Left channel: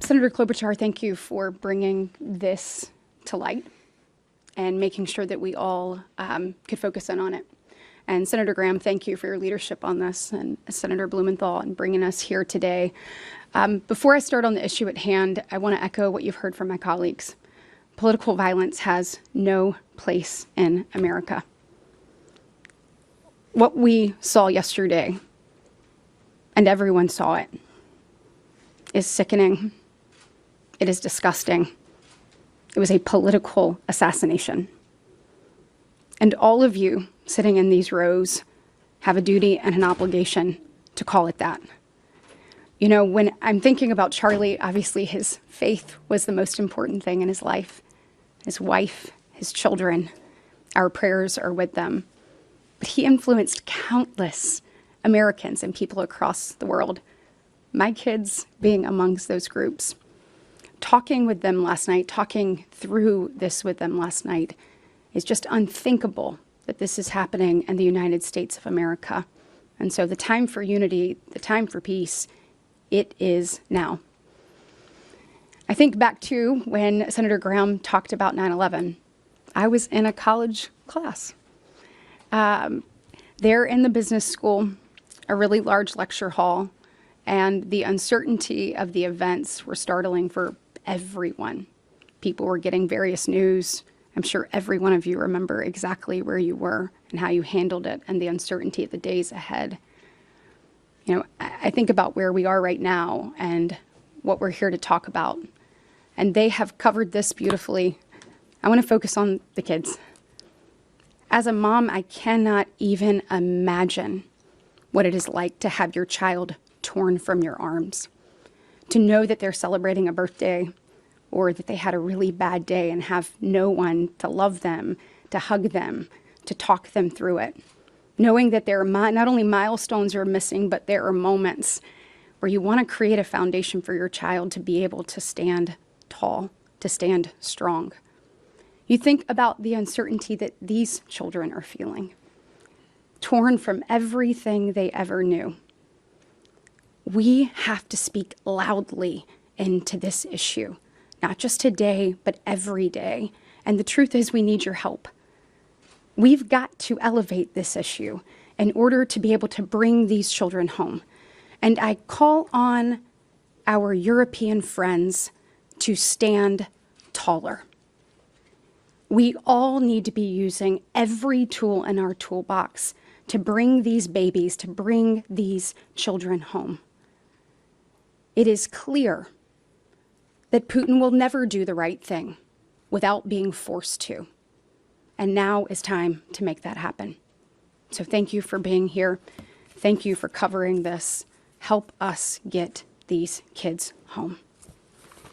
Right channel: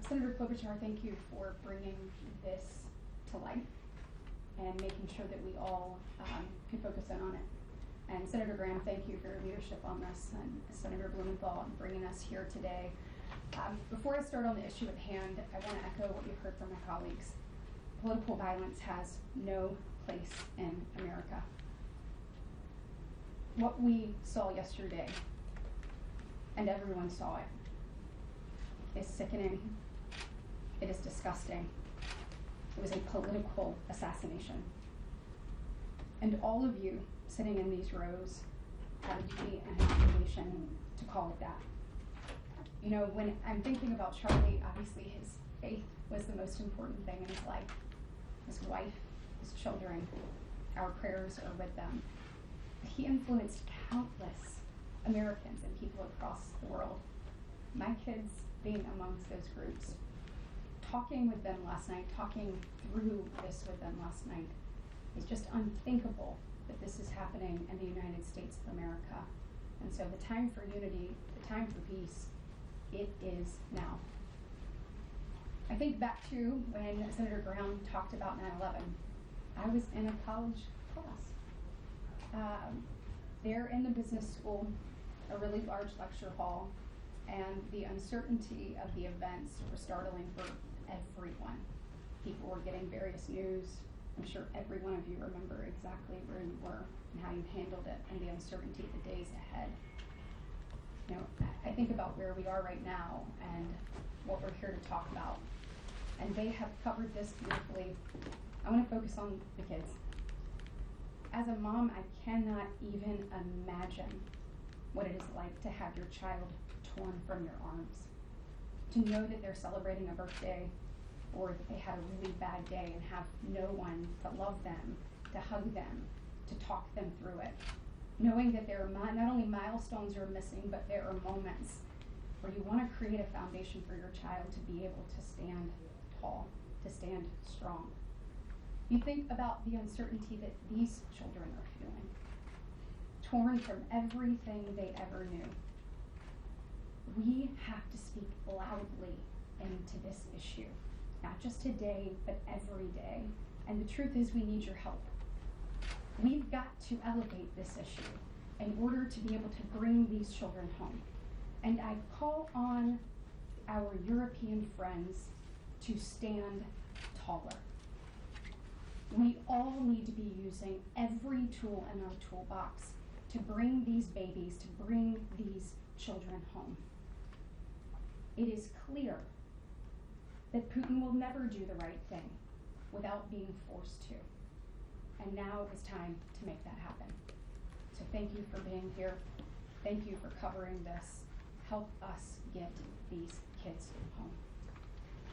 Senator Klobuchar, thank you for bringing this to light and making sure that we all could focus in on it. And Senator Graham, thank you for your leadership on this, and Senator Blumenthal and bringing us here today. Before I start on the issue at hand, I want to echo what you've heard from my colleagues. Political violence has no place in America. What we saw yesterday, and everyone saw it, is sickening. It is disgusting. It was a political assassination. And all of you sitting in these rows have a duty and an obligation to call it that. You know, when I'm thinking about Charlie, obviously his faith was the most important thing in his life. His wife, his children, our prayers are with them. But he influenced countless Americans and people across the world, my kids being amongst those groups. Talking with them last night, talking through this with them last night, is just unthinkable that this is happening in the United States of America. And so the time for unity, the time for peace, it is now. I think back to when Senator Graham talked about 9/11. I was in a college class. There in the business school, a really large lecture hall, and the uncertainty of the events were startling for everyone. People were getting various news. I'm sure every one of you remember exactly where you were and how you handled it and the uncertainty of the days ahead. You know, I think about where we are right now and what we're here to talk about. And they have covered this beautifully. I want to focus on the kids. As a mom, I cannot even imagine what it is like to have your child torn from your arms, to know that they're celebrating a birthday or that they had a really bad day and have no one to love them, to hug them, to talk them through it. Knowing that there are not only milestones are missing, but there are moments where you want to create a foundation for your child to be able to stand tall, to stand strong. You think about the uncertainty that these children are feeling, torn from everything they ever knew. We have to speak loudly into this issue, not just today, but every day. And the truth is, we need your help. We've got to elevate this issue in order to be able to bring these children home. And I call on our European friends to stand taller. We all need to be using every tool in our toolbox to bring these babies, to bring these children home. It is clear that Putin will never do the right thing without being forced to. And now is time to make that happen. So thank you for being here. Thank you for covering this. Help us get these kids home.